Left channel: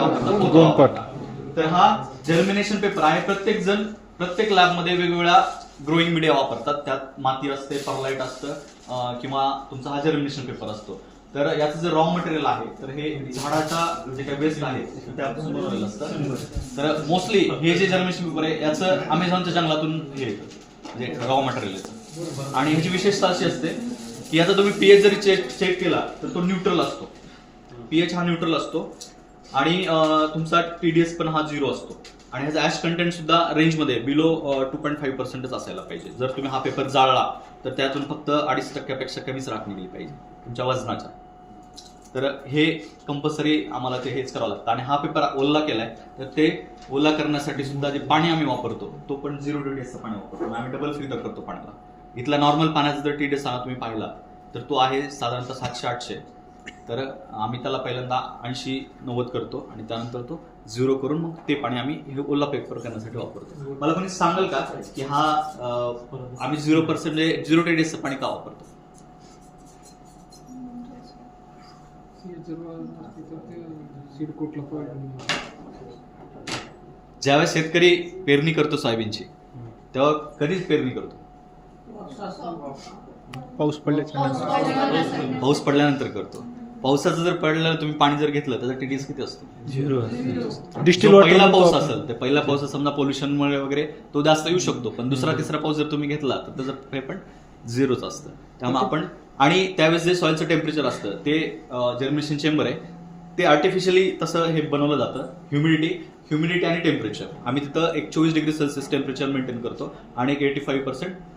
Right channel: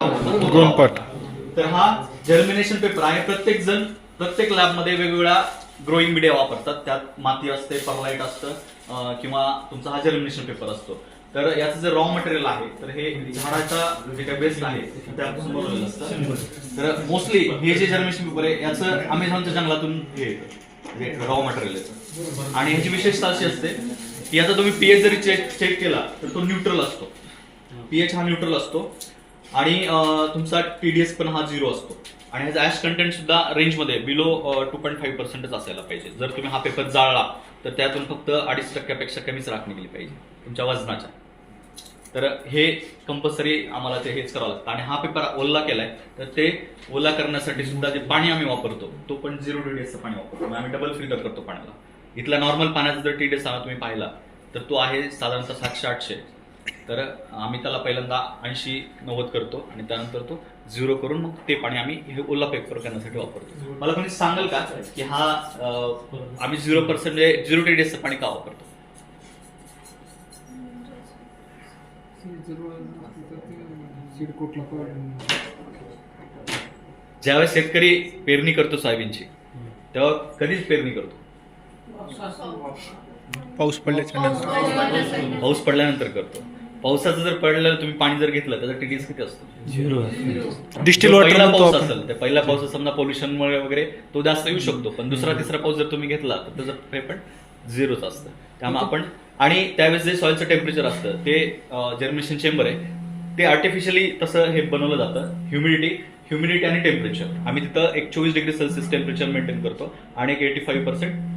गोनपाट. तर हा germination paper आहे. प्रत्येक लॅबमध्ये वेगवेगळ्या ग्रोईंग मीडिया वापरतात. त्यात माती असते, परलाईट असतं किंवा तुमचा हा जर्मिनेशन पेपर असतो. तर याचं जे रॉ मटेरियल आहे तर हे झाडाचा जे काही बेस्ट आहे त्यापासून बनवलेलं असतं. तर मोस्टली हे जे जर्मिनेशन पेपर आहे याचं अमेझॉनच्या जंगलातून हे म्हणजे रॉ मटेरियल येतं. आणि ह्याची विशेषता अशी असते की याचा तुम्ही पीएच जरी चेक केला तर तो न्यूट्रल असतो. पीएच हा न्यूट्रल असतो आणि तुमचा टीडीएस पण हा 0 असतो. आणि ह्याचा ऍश कंटेंट सुद्धा रेंजमध्ये बिलो 2.5% असायला पाहिजे. जर तुम्ही हा पेपर जाळला तर त्यातून फक्त 2.5% कमीच राख निघली पाहिजे तुमच्या वजनाच्या. तर हे कंपल्सरी आम्हाला ते हेच करावं लागतं. आणि हा पेपर ओला केलाय तर ते ओला करण्यासाठी सुद्धा जे पाणी आम्ही वापरतो तो पण 0 TDSचं पाणी वापरतो. आम्ही डबल फिल्टर करतो पाण्याला. इथला नॉर्मल पाण्याचा जर TDS हा तुम्ही पाहिला तर तो आहे साधारणतः 700-800. तर आम्ही त्याला पहिल्यांदा 80-90 करतो आणि त्यानंतर तो 0 करून मग ते पाणी आम्ही हे ओला पेपर करण्यासाठी वापरतो. मला कोणी सांगाल का की हा आम्ही 0% TDSचं पाणी का वापरतो? ज्यावेळेस शेतकरी पेरणी करतो सोयाबीनची तेव्हा कधीच पेरणी करतो पाऊस पडल्यानंतर करतो. पावसाचं जर पडलेलं तुम्ही पाणी जर घेतलं त्याचा टीडीएस किती असतो? 0. डिस्टिल वॉटर पहिला म्हणतो पाऊस आपण. असेल तर पहिला पाऊस समजा पोल्युशनमुळे वगैरे तो जास्त येऊ शकतो. पण दुसरा तिसरा पाऊस जर तुम्ही घेतला तर त्याचं हे पण 0च असतं. त्यामुळे आपण आणि त्यावेळेस जे सॉइलचं टेम्परेचर असतं ते जर्मिनेशन चेंबर आहे ते आर्टिफिशियली तसं हे बनवलं जातं. ह्युमिडिटी आणि टेम्परेचर आम्ही तिथं एक 24 डिग्री सेल्सिअस टेम्परेचर मेंटेन करतो आणि एक 85%